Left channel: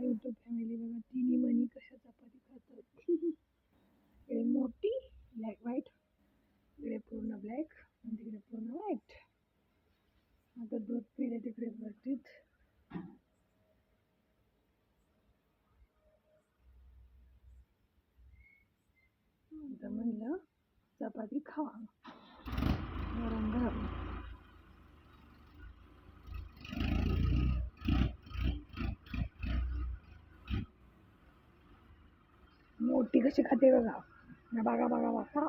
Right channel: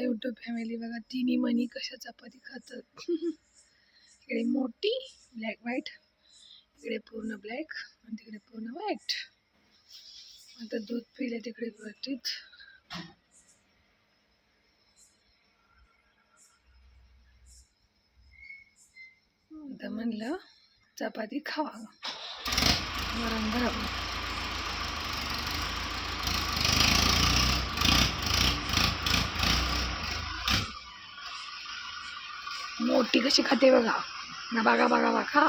YouTube family बघा, तिन्ही मणी कशा चपाती खातात. इकडे मोठी ब्लॅक व्हाईट, इकडे पूर्ण ब्लॅक आणि तिकडे पूर्ण व्हाईट. आता दूध पिले तिकडे भरतीत. आता म्हणलं चपाती खावा, गरम गरम. मोठी कशी खाते बघा ना, बघा बघा बघा.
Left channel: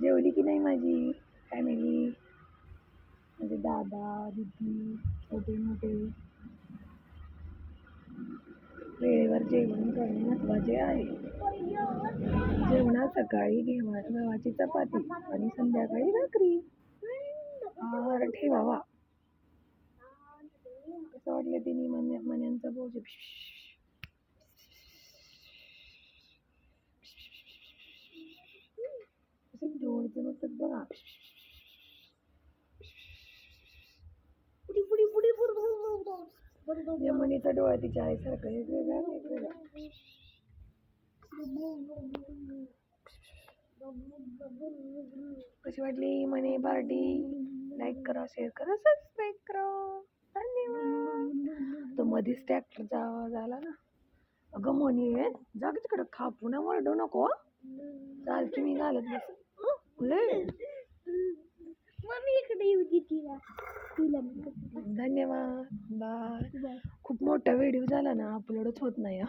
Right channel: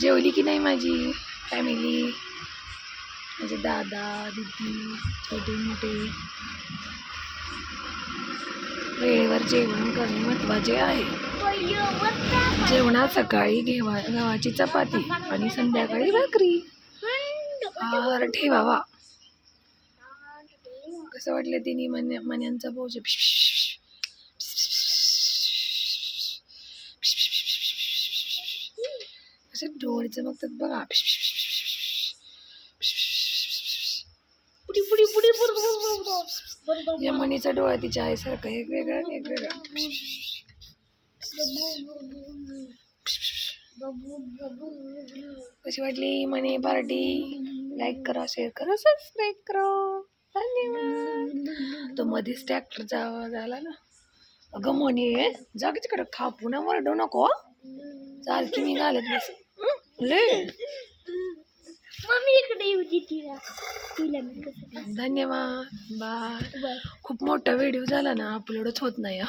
जेवली की नाही माझी फॅमिली, माझे दादा दीदी छोटे मोठे. वेळेवर जेवण करणे महत्त्वाचे आहे. जेवणात सकाळी गव्हाची चपाती आणि संध्याकाळी भाकरी. आहार ठेवावा. कसं वाटलं तिन्ही मण्यांचा भोज? असे डोळे चमकतात बघा. या मणीचा डोळा तिच्या आईसारखा एक वेगळा वेगवेगळा. कशी वाटली मनी पार्टी? लाईक करा, शेअर करा, सबस्क्राईब करा. धन्यवाद. तो मध्येच ट्रॅक्टर झाला ना. अगं मनी जा की तिकडे, खा पुन्हा वरडू नको. चाल की मी घालत बस. धन्यवाद, बाय. खूप मोठा व्हिडिओ झाला ना, अपलोडच होत नाही.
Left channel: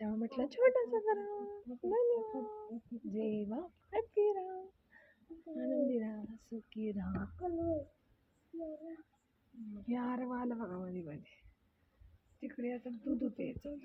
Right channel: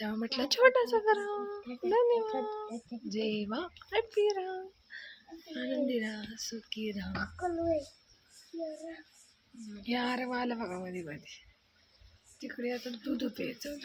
तेव्हा म्हटलं छोटासा करा. धन्यवाद. जेवा, हॅपी राहा, आनंदी राहा, सुखी राहा. यार वाला बघा मध्ये मध्ये. तिकडे आता दूध प्यायचं.